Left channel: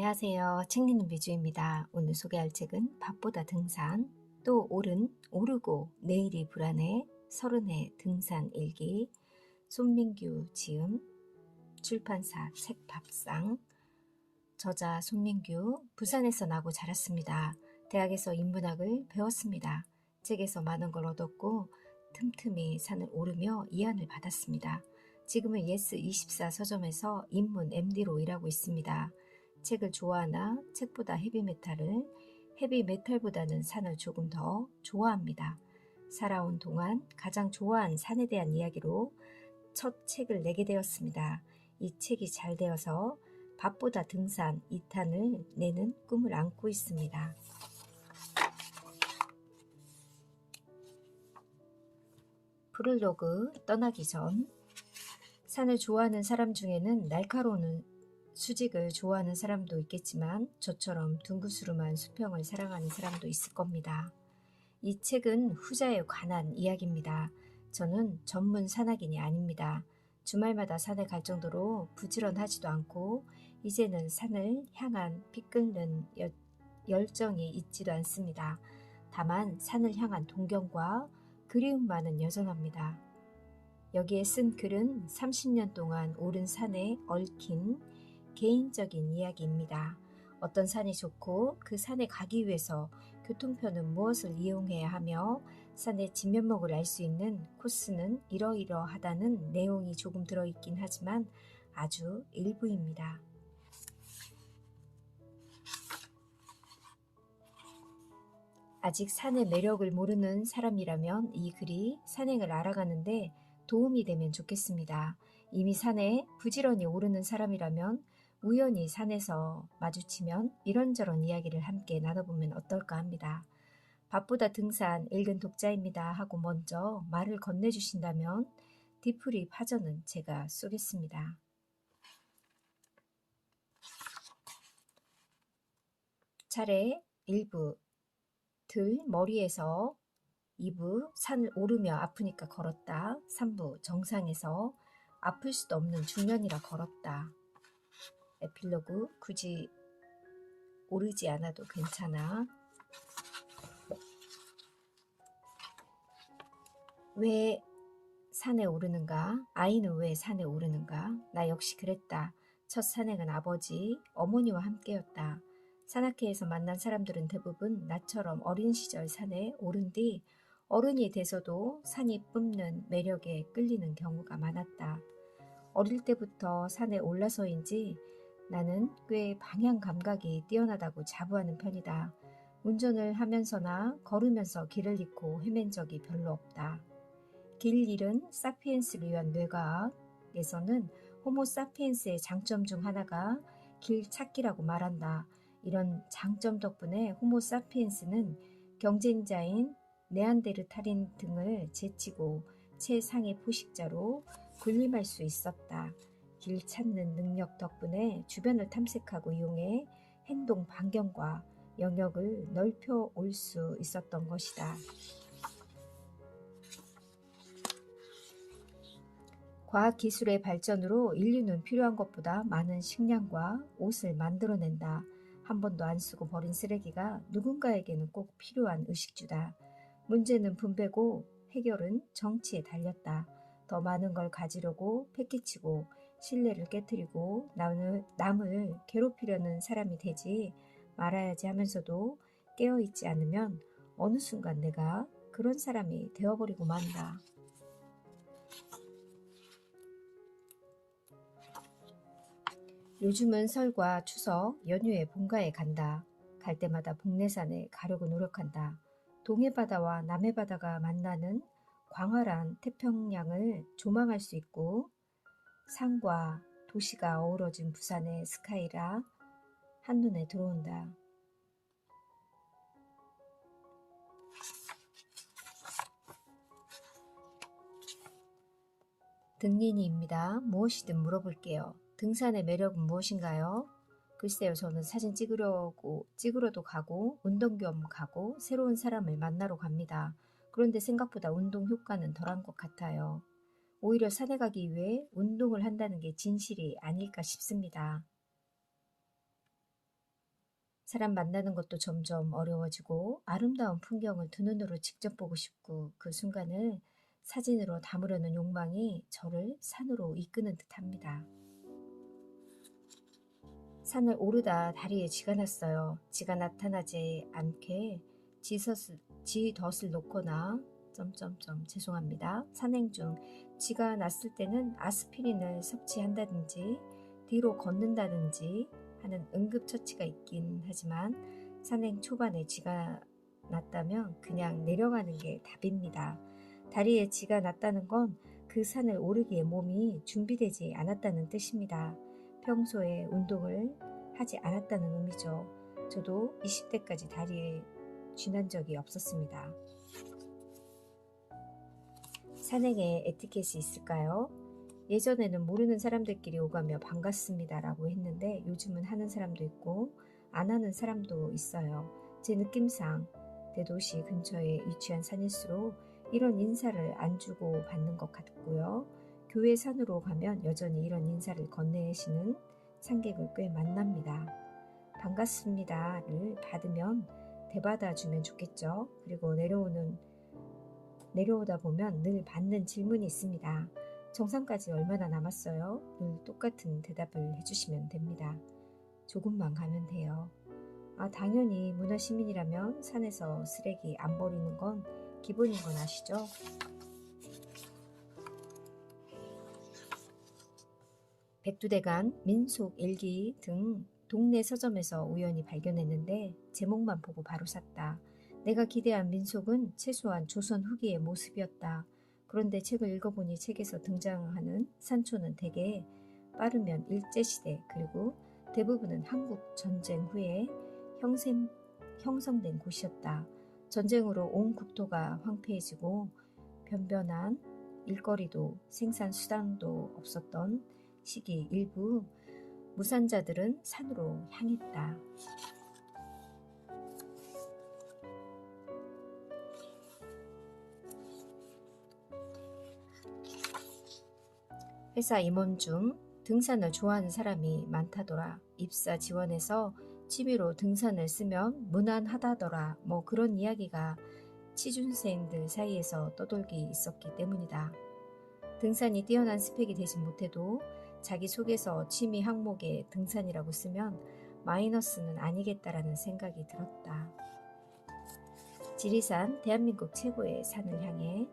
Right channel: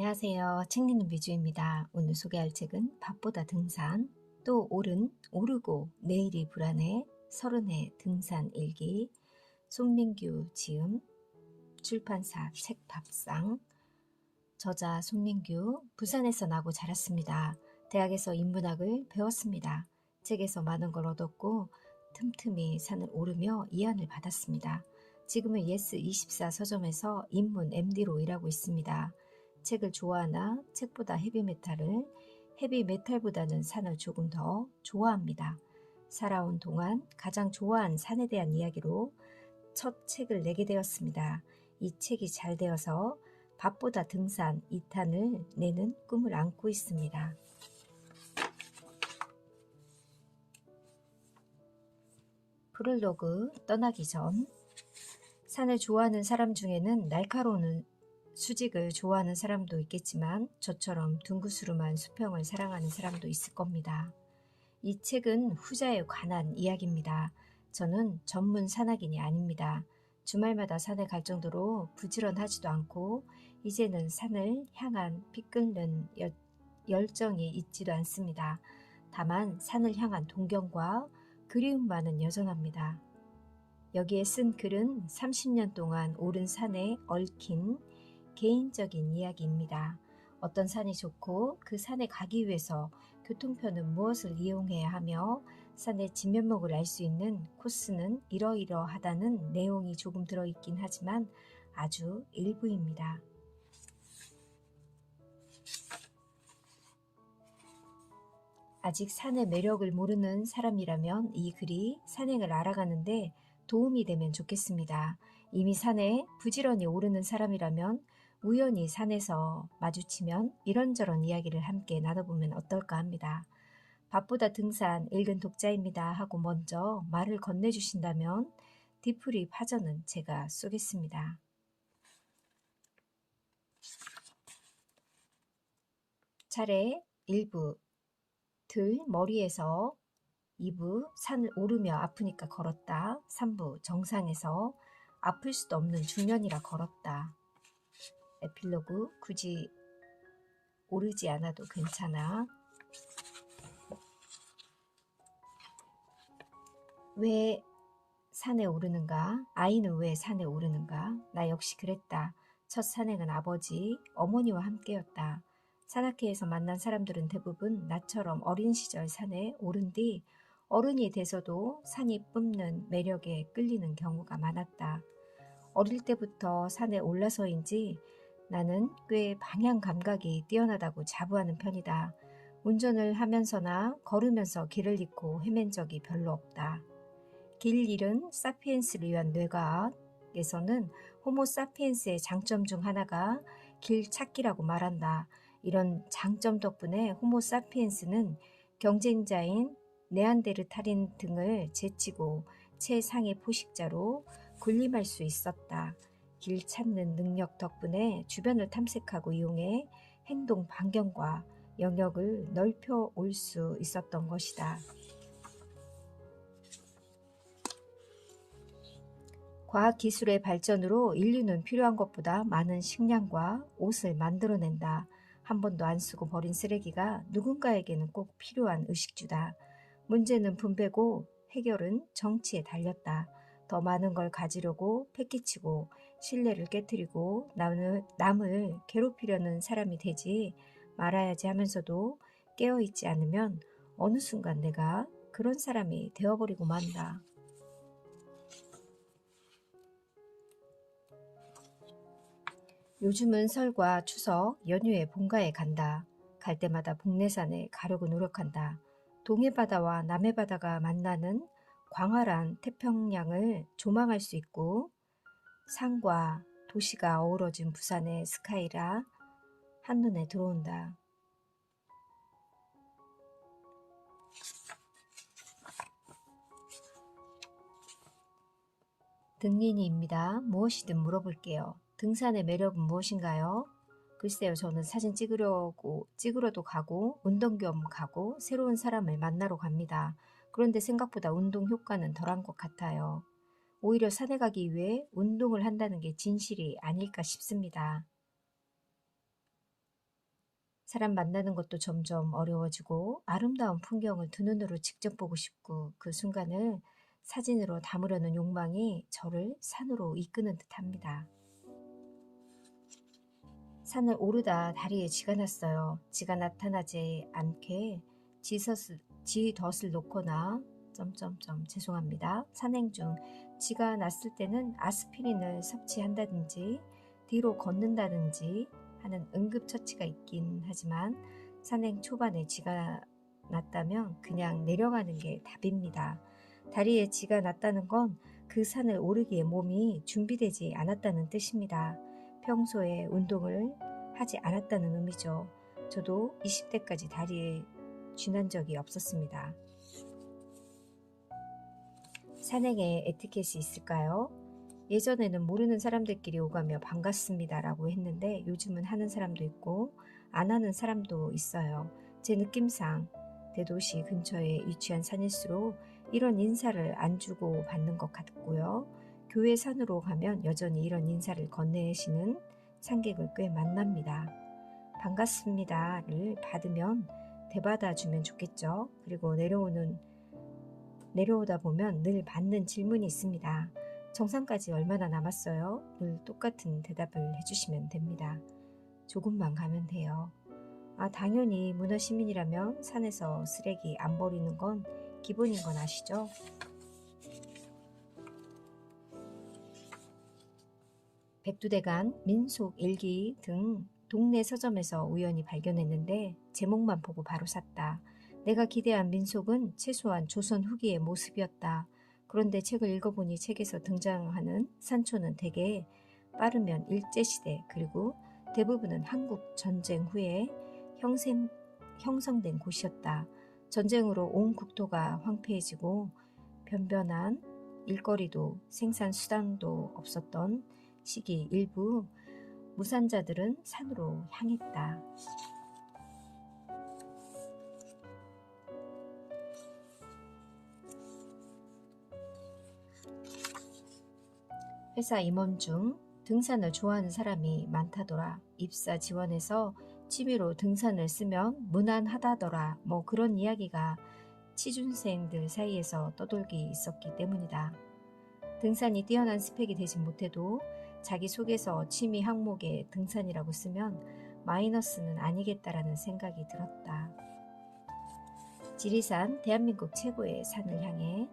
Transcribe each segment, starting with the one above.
안녕하세요. 책 읽는 뮤즈입니다. 오늘 소개할 책은 밥보다 등산, 또 오르고 내일이 불안해, 서른의 등산 일기, 손민규 지음, 출판사 책밥상, 저자 손민규, 부산에서 나고 자랐습니다. 대학에서 인문학을 배웠습니다. 책에서 많은 걸 얻었고 틈틈이 산을 오르며 이안을 받았습니다. 지금은 예스24 서점에서 인문 MD로 일하고 있습니다. 책을 좋아하나 책보다 헤비메탈보다는 산을 조금 더 좋아합니다. 살아온 동안 가장 좋아한 산에 대한 이야기로 첫 책을 내게 되었습니다. 이 책이 잘 되어서 밥보다 등산 2탄을 내는 꿈을 안고 있습니다. 프롤로그 떠나기 전 산을 좋아하는 사람 중에는 날카로운 수직을 좋아하는 사람도 있겠지만 저처럼 둥그스름한 수평을 사랑하는 사람도 있을 겁니다. 이 책은 후자에 관한 이야기입니다. 저는 전문 산악인이 아닙니다. 주말마다 산에 갈 정도로 부지런하지도 않고 이제는 산을 향한 피-끓는 열정이 있지도 않습니다. 다만 산을 향한 동경과 그리움만은 여전합니다. 여기에 쓴 글은 30년 동안 오른 산에 얽힌 개인적인 이야기입니다. 어떤 산이 좋고 그 산에 가기 위해서 교통편은 무엇을 이용해야 하며 산의 진면목을 알 수 있는 코스는 이러이러하다는 내용이 조금 들어있긴 하지만 아주 일부입니다. 아직 산의 매력을 모르는 사람이라면 이 글이 산행을 알아가는데 도움이 되면 좋겠습니다. 이미 산에 부지런히 오르는 사람이라면 우연히 산에서 마주치면 이런저런 이야기를 함께 나눠보면 어떨까 합니다. 밥보다 등산 읽은 독자입니다 하고 먼저 말을 건네주신다면 뒤풀이 파전은 제가 쏘겠습니다. 차례 1부 들 머리에서 2부 산을 오르며 아프니까 걸었다. 3부 정상에서 아플 수도 없는 중년이라 걸었다. 에필로그 굳이 오르지 않아도 괜찮아. 왜 산에 오르는가? 아이는 왜 산에 오르는가? 나 역시 그랬다. 첫 산행은 아버지, 어머니와 함께였다. 산악회에서 만난 사람들은 대부분 나처럼 어린 시절 산에 오른 뒤 어른이 돼서도 산이 뿜는 매력에 끌리는 경우가 많았다. 어릴 때부터 산에 올라서인지 나는 꽤 방향 감각이 뛰어나다고 자부하는 편이다. 운전을 하면서나 걸으면서 길을 잃고 헤맨 적이 별로 없다. 길 잃은 사피엔스를 위한 뇌과학에서는 호모 사피엔스의 장점 중 하나가 길 찾기라고 말한다. 이런 장점 덕분에 호모 사피엔스는 경쟁자인 네안데르탈인 등을 제치고 최상의 포식자로 군림할 수 있었다. 길 찾는 능력 덕분에 주변을 탐색하고 이용해 행동 반경과 영역을 넓혀 올 수 있었던 것이다. 과학기술의 발전으로 인류는 필요한 것보다 많은 식량과 옷을 만들어낸다. 한 번도 안 쓰고 버린 쓰레기가 누군가에게는 꼭 필요한 의식주다. 문제는 분배고 해결은 정치에 달렸다. 더 많은 걸 가지려고 패기치고 신뢰를 깨트리고 남을 괴롭히려는 사람이 되지 말아야지 하면서도 깨어있지 않으면 어느 순간 내가 그런 사람이 되어버리고 만다. 요즘은 설과 추석 연휴에 본가에 간다. 갈 때마다 복내산에 가려고 노력한다. 동해바다와 남해바다가 만나는 광활한 태평양을 조망할 수 있고 산과 도시가 어우러진 부산의 스카이라 한눈에 들어온다. 등린이입니다. 무엇이든 물어볼게요. 등산의 매력은 무엇인가요? 글쎄요, 저는 사진 찍으러도 가고, 운동 겸 가고, 새로운 사람을 만나러 갑니다. 그런데 생각보다 운동 효과는 덜한 것 같아요. 오히려 산에 가기 위해 운동을 한다는 게 진실이 아닐까 싶습니다. 사람 만나는 것도 점점 어려워지고 아름다운 풍경을 두 눈으로 직접 보고 싶고 그 순간을 사진으로 담으려는 욕망이 저를 산으로 이끄는 듯합니다. 산을 오르다 다리에 쥐가 났어요. 쥐가 나타나지 않게 쥐덫을 놓거나 죄송합니다. 산행 중 쥐가 났을 때는 아스피린을 섭취한다든지 뒤로 걷는다든지 하는 응급처치가 있긴 하지만 산행 초반에 쥐가 났다면 그냥 내려가는 게 답입니다. 다리에 쥐가 났다는 건 그 산을 오르기에 몸이 준비되지 않았다는 뜻입니다. 평소에 운동을 하지 않았다는 의미죠. 저도 20대까지 다리에 쥐난 적이 없었습니다. 산행에 에티켓이 있을까요? 예전에는 모르는 사람들끼리 오가며 반갑습니다 라고 했는데 요즘은 하는 사람도 있고 안 하는 사람도 있어요. 제 느낌상 대도시 근처에 위치한 산일수록 이런 인사를 안 주고 받는 것 같고요. 교회 산으로 가면 여전히 이런 인사를 건네시는 산객을 꽤 만납니다. 반갑습니다를 받으면 대받아주면 좋겠죠. 그리고 내려오다 보면 늘 받는 질문이 있습니다. 정상까지 얼마나 남았어요? 늘 똑같은 대답을 해주시면 됩니다. 조금만 가면 돼요. 당연히 문화시민이라면 산에서 쓰레기 안 버리는 건 기본인 건 아시죠? 백두대간, 민속일기 등 동네 서점에서 우연히 발견했는데 제목만 보고 바로 샀다. 내가 기대한 민속은 최소한 조선 후기의 모습이었다. 그런데 책을 읽어보니 책에서 등장하는 산초는 대개 빠르면 일제시대 그리고 대부분은 한국 전쟁 후에 형성된 곳이었다. 전쟁으로 온 국토가 황폐해지고 변변한 일거리도 생산수단도 없었던 시기 일부 무산자들은 산으로 향했다. 회사 임원 중 등산을 좋아하는 사람이 많다더라. 입사 지원해서 취미로 등산을 쓰면 무난하다더라. 그런 이야기가 취준생들 사이에서 떠돌기 있었기 때문이다. 등산이 뛰어난 스펙이 되지 못해도 자기소개서 취미 항목에 등산이라고 쓰면 마이너스는 아니겠다라는 생각이 들었다. 지리산, 대한민국 최고의 산을 향해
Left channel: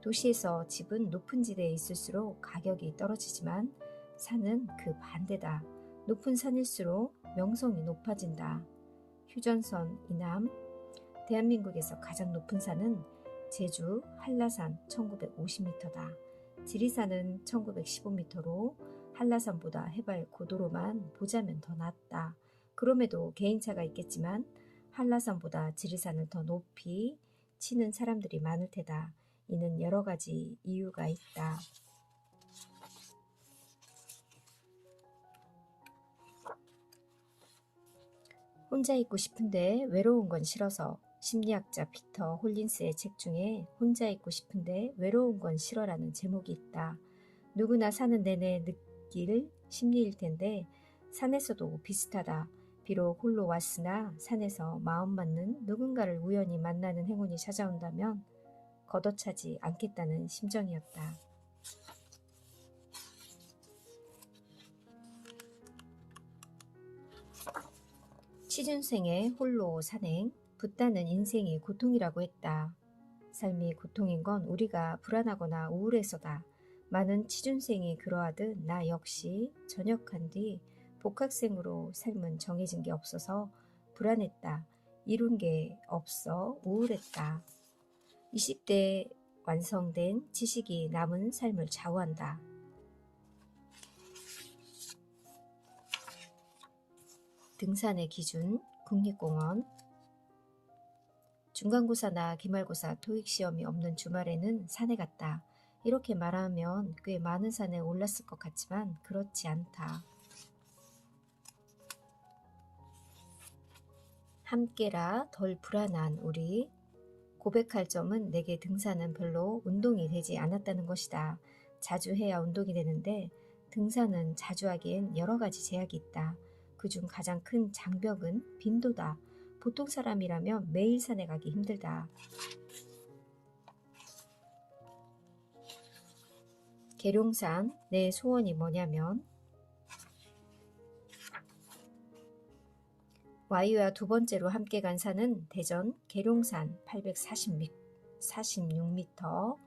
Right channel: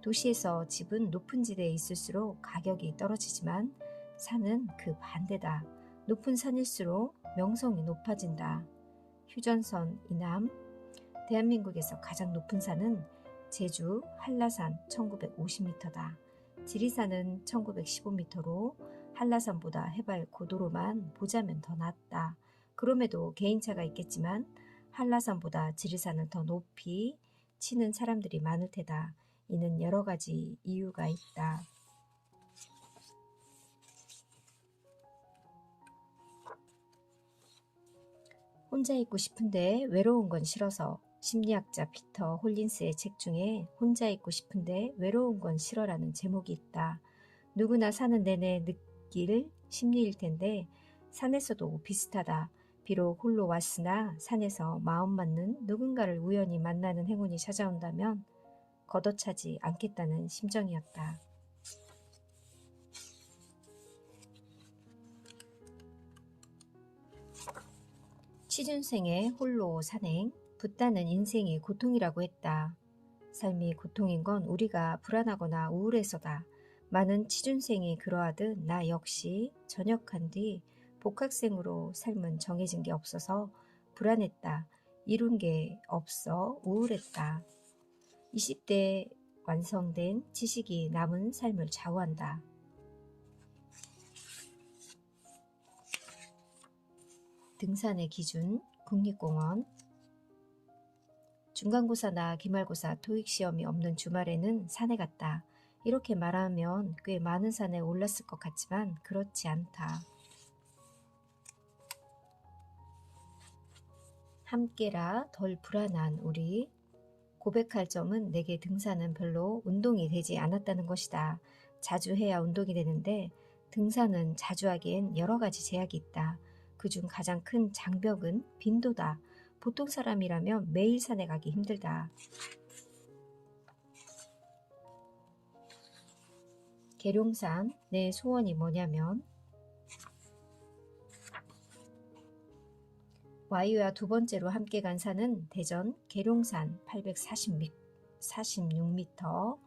도시에서 집은 높은 지대에 있을수록 가격이 떨어지지만 산은 그 반대다. 높은 산일수록 명성이 높아진다. 휴전선 이남, 대한민국에서 가장 높은 산은 제주 한라산 1950m다. 지리산은 1915m로 한라산보다 해발 고도로만 보자면 더 낮다. 그럼에도 개인차가 있겠지만 한라산보다 지리산을 더 높이 치는 사람들이 많을 테다. 이는 여러 가지 이유가 있다. 혼자 있고 싶은데 외로운 건 싫어서. 심리학자 피터 홀린스의 책 중에 혼자 있고 싶은데 외로운 건 싫어라는 제목이 있다. 누구나 사는 내내 느낄 심리일 텐데 산에서도 비슷하다. 비록 홀로 왔으나 산에서 마음 맞는 누군가를 우연히 만나는 행운이 찾아온다면 걷어차지 않겠다는 심정이었다. 취준생의 홀로 산행, 붓다는 인생이 고통이라고 했다. 삶이 고통인 건 우리가 불안하거나 우울해서다. 많은 취준생이 그러하듯 나 역시 전역한 뒤 복학생으로 삶은 정해진 게 없어서 불안했다. 이룬 게 없어 우울했다. 20대에 완성된 지식이 남은 삶을 좌우한다. 등산의 기준, 국립공원. 중간고사나 기말고사, 토익시험이 없는 주말에는 산에 갔다. 이렇게 말하면 꽤 많은 산에 올랐을 것 같지만 그렇지 않다. 함께라 덜 불안한 우리. 고백할 점은 내게 등산은 별로 운동이 되지 않았다는 것이다. 자주 해야 운동이 되는데 등산은 자주 하기엔 여러 가지 제약이 있다. 그중 가장 큰 장벽은 빈도다. 보통 사람이라면 매일 산에 가기 힘들다. 계룡산, 내 소원이 뭐냐면 와이와 두 번째로 함께 간 산은 대전 계룡산 846m.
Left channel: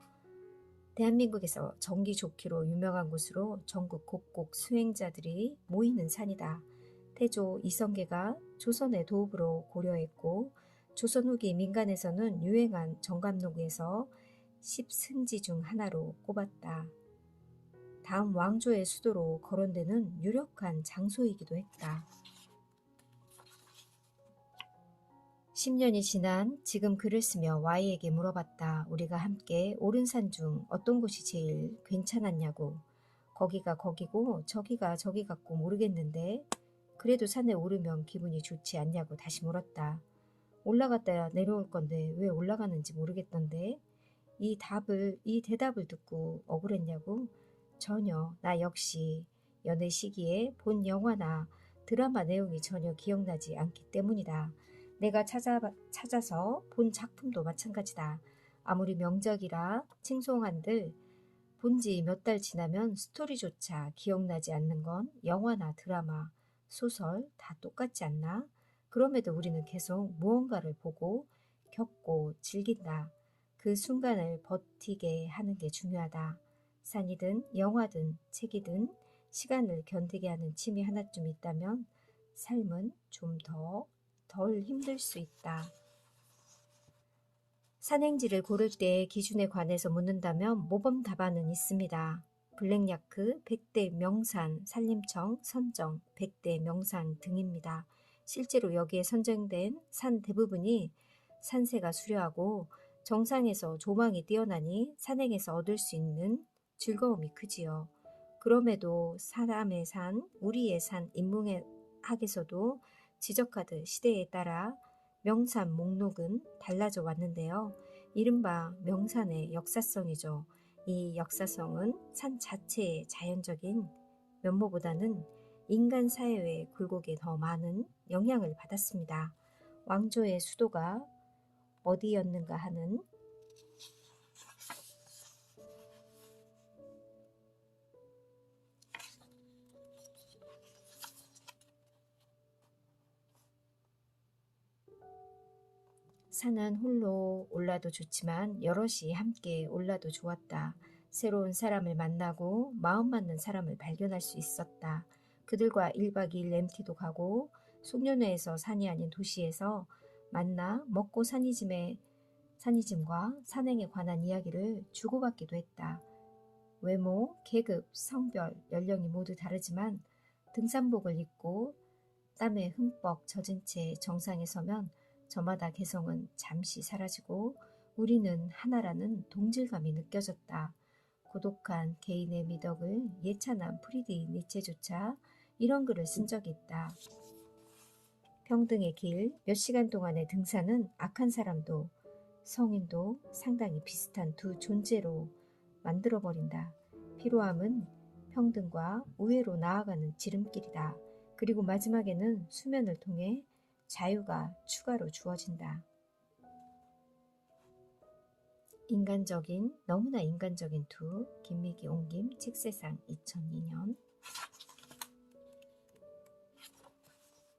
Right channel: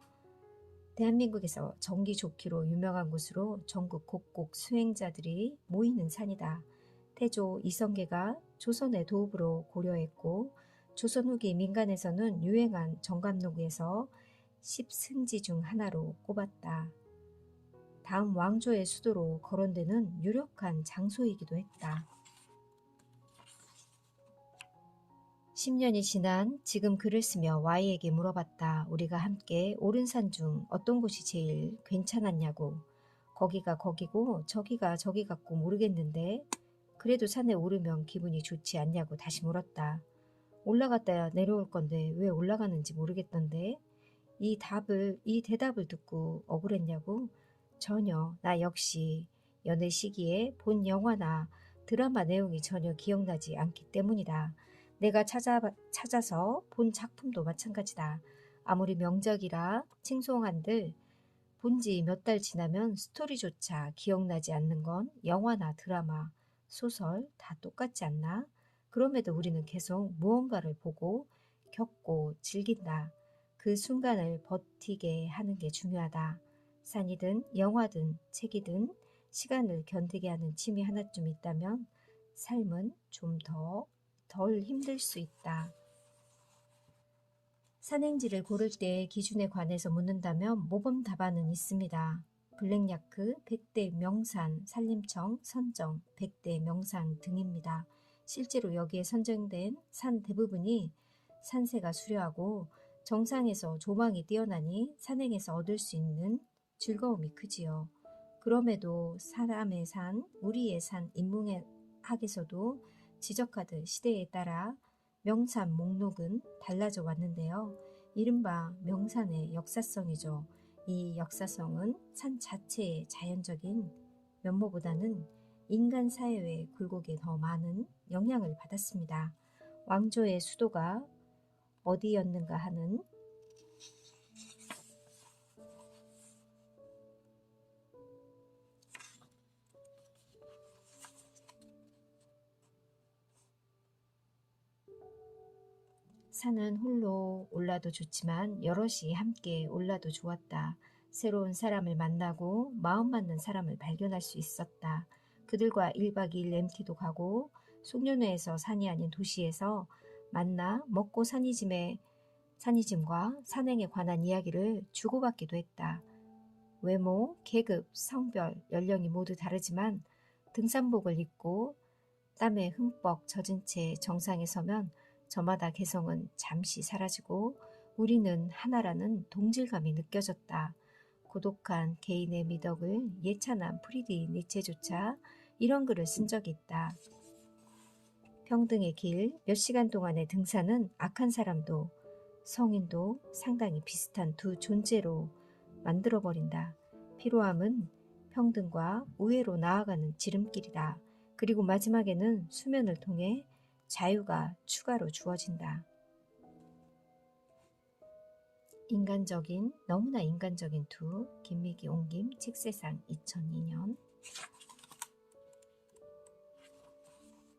대한민국에서 전기 좋기로 유명한 곳으로 전국 곳곳 수행자들이 모이는 산이다. 태조 이성계가 조선의 도읍으로 고려했고 조선 후기 민간에서는 유행한 정감록에서 10승지 중 하나로 꼽았다. 다음 왕조의 수도로 거론되는 유력한 장소이기도 했다. 10년이 지난 지금 글을 쓰며 Y에게 물어봤다. 우리가 함께 오른 산 중 어떤 곳이 제일 괜찮았냐고. 거기가 거기고 저기가 저기 같고 모르겠는데 그래도 산에 오르면 기분이 좋지 않냐고 다시 물었다. 올라갔다 내려올 건데 왜 올라가는지 모르겠던데 이 대답을 듣고 억울했냐고. 전혀. 나 역시 연애 시기에 본 영화나 드라마 내용이 전혀 기억나지 않기 때문이다. 내가 찾아서 본 작품도 마찬가지다. 아무리 명작이라 칭송한들 본지 몇 달 지나면 스토리조차 기억나지 않는 건 영화나 드라마, 소설 다 똑같지 않나? 그럼에도 우리는 계속 무언가를 보고 겪고 즐긴다. 그 순간을 버티게 하는 게 중요하다. 산이든 영화든 책이든 시간을 견디게 하는 취미 하나쯤 있다면 삶은 좀 덜 힘들 수 있다. 산행지를 고를 때 기준에 관해서 묻는다면 모범 답안은 있습니다. 블랙야크, 백대 명산, 산림청, 선정, 백대 명산 등입니다. 실제로 여기에 선정된 산 대부분이 산세가 수려하고 정상에서 조망이 뛰어나니 산행에서 얻을 수 있는 즐거움이 크지요. 그럼에도 사람의 산, 우리의 산 인문학에서도 지적하듯 시대에 따라 명산 목록은 달라져 왔는데요. 이른바 명산의 역사성이죠. 이 역사성은 산 자체의 자연적인 면모보다는 인간 사회의 굴곡에 더 많은 영향을 받았습니다. 왕조의 수도가 어디였는가 하는 산은 홀로 올라도 좋지만 여럿이 함께 올라도 좋았다. 새로운 사람을 만나고 마음 맞는 사람을 발견할 수 있었다. 그들과 1박 2일 MT도 가고 송년회에서 산이 아닌 도시에서 만나 먹고 산이짐과 산행에 관한 이야기를 주고받기도 했다. 외모, 계급, 성별, 연령이 모두 다르지만 등산복을 입고 땀에 흠뻑 젖은 채 정상에 서면 저마다 개성은 잠시 사라지고 우리는 하나라는 동질감이 느껴졌다. 고독한 개인의 미덕을 예찬한 프리디 니체조차 이런 글을 쓴 적이 있다. 평등의 길, 몇 시간 동안의 등산은 악한 사람도 성인도 상당히 비슷한 두 존재로 만들어버린다. 피로함은 평등과 우애로 나아가는 지름길이다. 그리고 마지막에는 수면을 통해 자유가 추가로 주어진다. 너무나 인간적인 두, 김미기 옹김 책세상 2002년.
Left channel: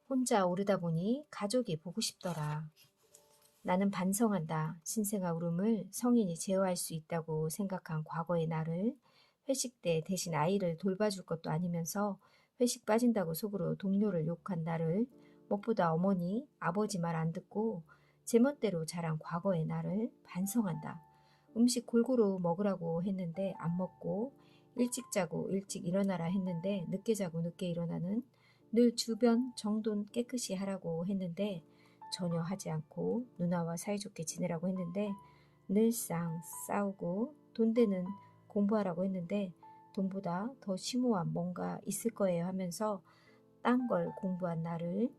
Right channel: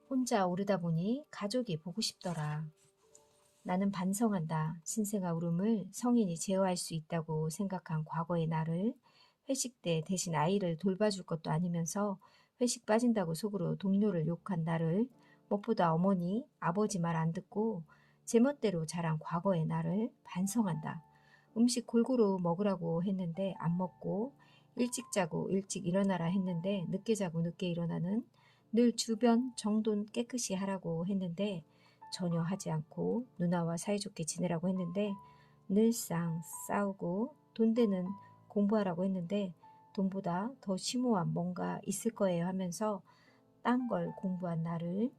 혼자 오르다 보니 가족이 보고 싶더라. 나는 반성한다. 신생아 울음을 성인이 제어할 수 있다고 생각한 과거의 나를. 회식 때 대신 아이를 돌봐줄 것도 아니면서 회식 빠진다고 속으로 동료를 욕한 나를. 무엇보다 어머니, 아버지 말 안 듣고 제멋대로 자란 과거의 나를 반성한다. 음식 골고루 먹으라고 했는데 안 먹고 일찍 자고 일찍 일어나라 했는데 늦게 자고 늦게 일어나는 늘 주변 정돈 깨끗이 하라고 했는데 전혀 하지 않고 누나와 사이좋게 지내라고 했는데 늘상 싸우고 돈 되는 공부하라고 했는데 돈보다 더 심오한 뭔가 있을 거예요 하면서 딴 걸 공부한 나를.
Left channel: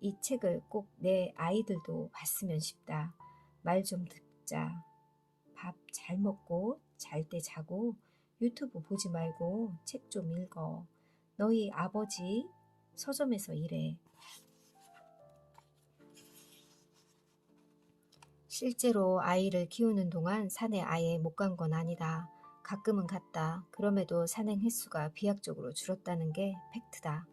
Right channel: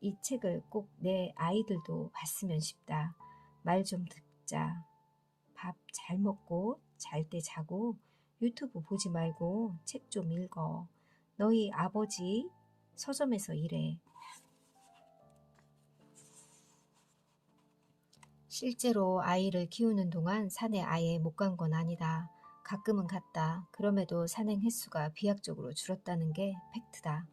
이 책을 꼭 내 아이들도 봤으면 싶다. 말 좀 듣자. 밥 잘 먹고 잘 때 자고 유튜브 보지 말고 책 좀 읽어. 너희 아버지 서점에서 일해. 실제로 아이를 키우는 동안 산에 아예 못 간 건 아니다. 가끔은 갔다. 그럼에도 산행 횟수가 비약적으로 줄었다는 게 팩트다.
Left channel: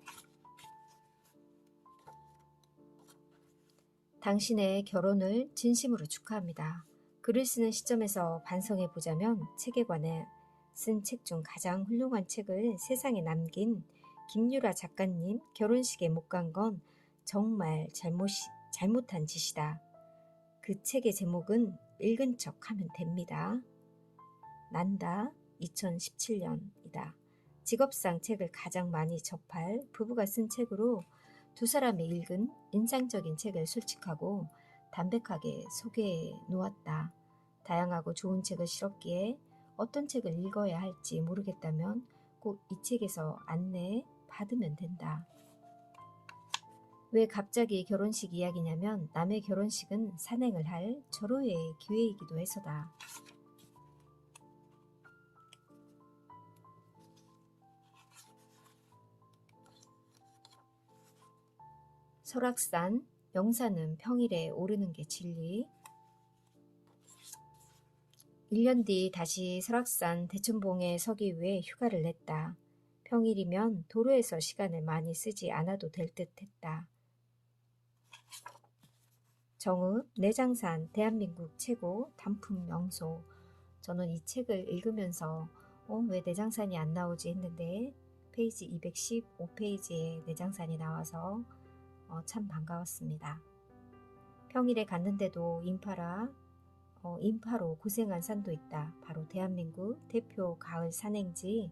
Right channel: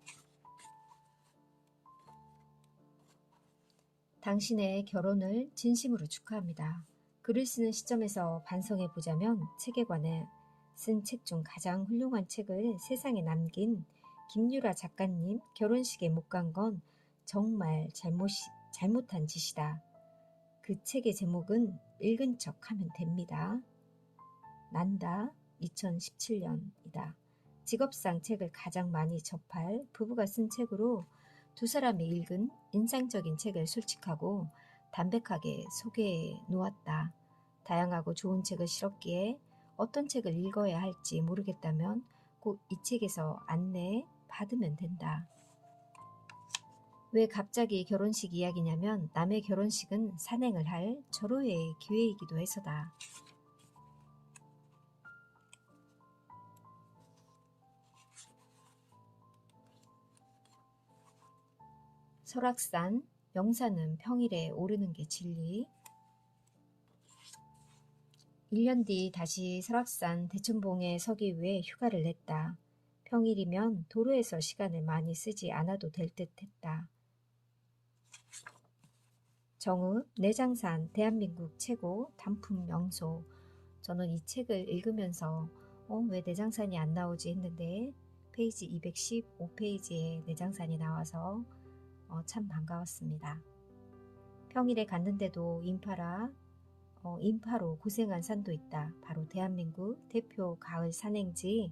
당신의 결혼을 진심으로 축하합니다. 글을 쓰는 시점에서 반성해 보자면 책에 관해 쓴 책 중 가장 훌륭한 책을 세상에 남긴 김유라 작가님 결혼식에 못 간 건 정말 잘못한 짓이다. 그 책의 제목은 읽은 척 하면 됩니다. 난다 2017년이다. 직업상 책을 가장 많이 접할 부부가 쓴 책으로 두 사람이 읽은 인상적인 책을 솔직하고 담백하게 소개해 놓았다. 다양하고 좋은 책을 실었기에 어떤 책을 읽어야 할지 모르겠다면 꼭 이 책에서 안내 받으면 된다. 왜 갑자기 결혼식 이야기냐면 남의 결혼식은 산행을 할 절호의 기회이기도 해서다. 설악산, 명산은 평일에 오르는 게 진리. 1년 뒤 다시 설악산 대천봉에 서기 위해 휴가를 냈다. 평일이면 도로에서 시간을 많이 쓰지 않아도 될 듯 했다. 정읍, 내장산, 대한민국 최고 단품 명소. 저는 이 책을 읽으면서 왜 내장산이 안 나오지 했는데 페이지 215페이지에 내장산이 나와서 참 반가웠습니다. 평일에 갔는데도 인파로 고생한 산도 있다. 바로 대한민국 대표 가을 산행지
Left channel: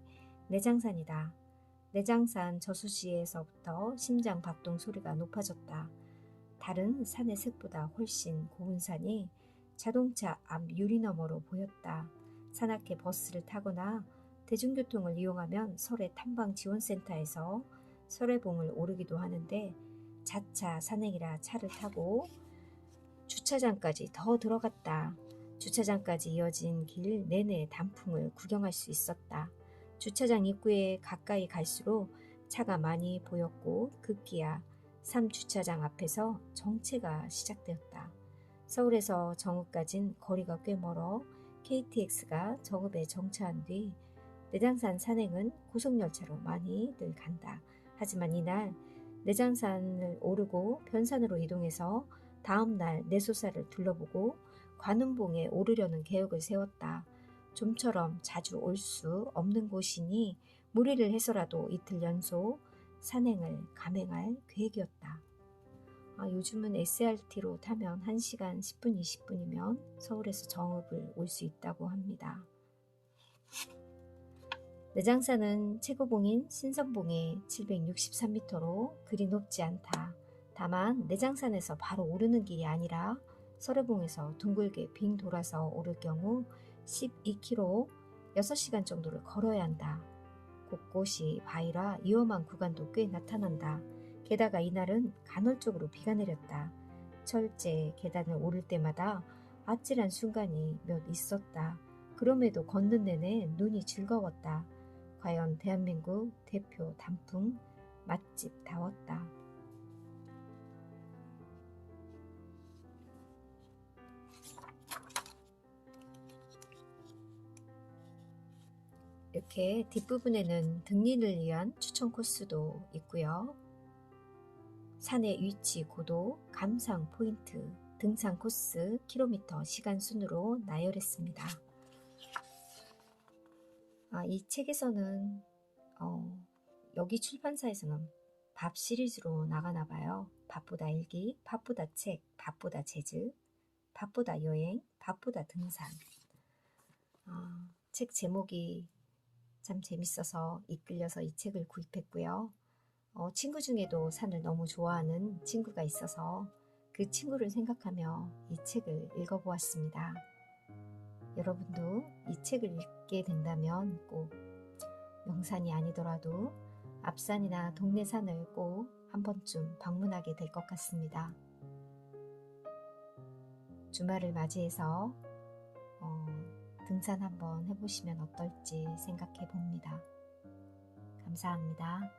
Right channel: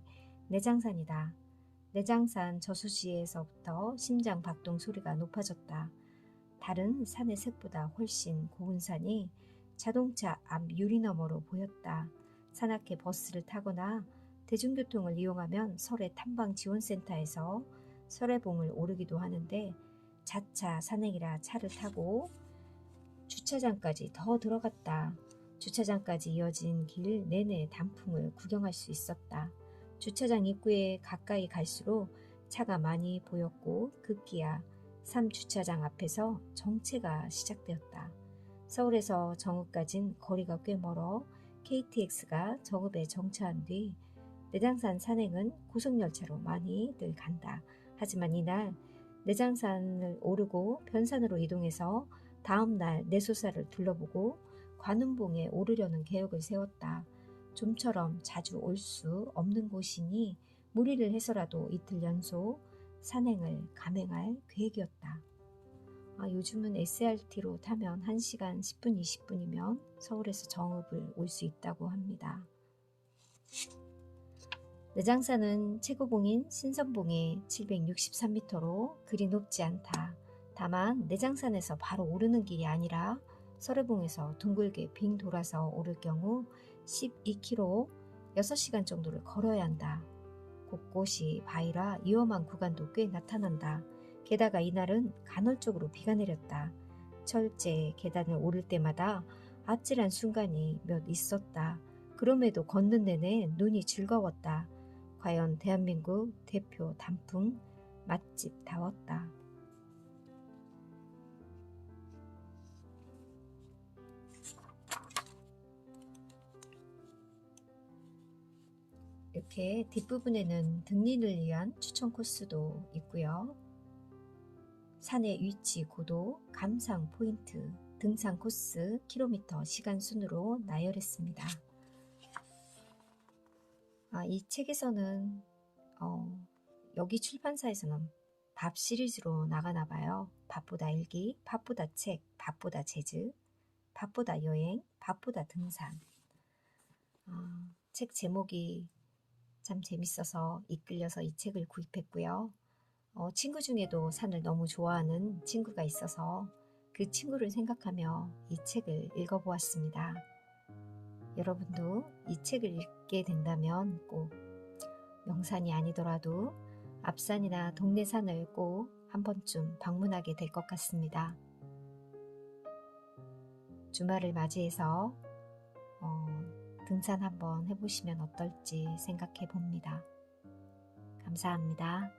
내장산이다. 내장산 저수지에서부터 심장 박동 소리가 높아졌다. 다른 산의 색보다 훨씬 고운 산이 자동차 앞 유리 너머로 보였다. 산악회 버스를 타거나 대중교통을 이용하면 설해 탐방지원센터에서 설해봉을 오르기도 하는데 자차 산행이라 차를 타고 주차장까지 더 들어갔다. 주차장까지 이어진 길 내내 단풍을 구경할 수 있었다. 주차장 입구에 가까이 갈수록 차가 많이 보였고 급기야 3주차장 앞에서 정체가 시작되었다. 서울에서 정읍까진 거리가 꽤 멀어 KTX가 정읍에 정차한 뒤 내장산 산행은 고속열차로 많이들 간다. 하지만 이날 내장산을 오르고 변산으로 이동해서 다음날 내소사를 둘러보고 관음봉에 오르려는 계획을 세웠다. 좀처럼 자주 올 수 없는 곳이니 무리를 해서라도 이틀 연속 산행을 감행할 계획이었다. 요즘은 SRT로 타면 1시간 10분, 20분이면 서울에서 정읍을 올 수 있다고 합니다. 내장산은 최고봉인 신선봉이 763m로 그리 높지 않다. 다만 내장산에서 바로 오르는 길이 아니라 설해봉에서 둥글게 빙 돌아서 오를 경우 12km 6시간 정도를 걸어야 한다. 곳곳이 바위라 위험한 구간도 꽤 나타난다. 게다가 이날은 간헐적으로 비가 내렸다. 철제 계단을 오를 때마다 아찔한 순간이 몇 있었다. 그럼에도 걷는 내내 눈이 즐거웠다. 과연 대한민국 대표 단풍 맛집다웠다. 이렇게 뒷부분에는 등린을 위한 추천 코스도 있고요. 산의 위치, 고도, 감상 포인트, 등산 코스, 킬로미터, 시간 순으로 나열했습니다. 이 책에서는 여기 출판사에서는 밥 시리즈로 나가나 봐요. 밥보다 일기, 밥보다 책, 밥보다 재즈, 밥보다 여행, 밥보다 등산. 책 제목이 참 재밌어서 이끌려서 이 책을 구입했고요. 친구 중에도 산을 너무 좋아하는 친구가 있어서 그 친구를 생각하며 이 책을 읽어보았습니다. 여러분도 이 책을 읽게 된다면 꼭 명산이 아니더라도 앞산이나 동네 산을 꼭 한 번쯤 방문하게 될 것 같습니다. 주말을 맞이해서 등산 한번 해보시면 어떨지 생각해 봅니다. 감사합니다.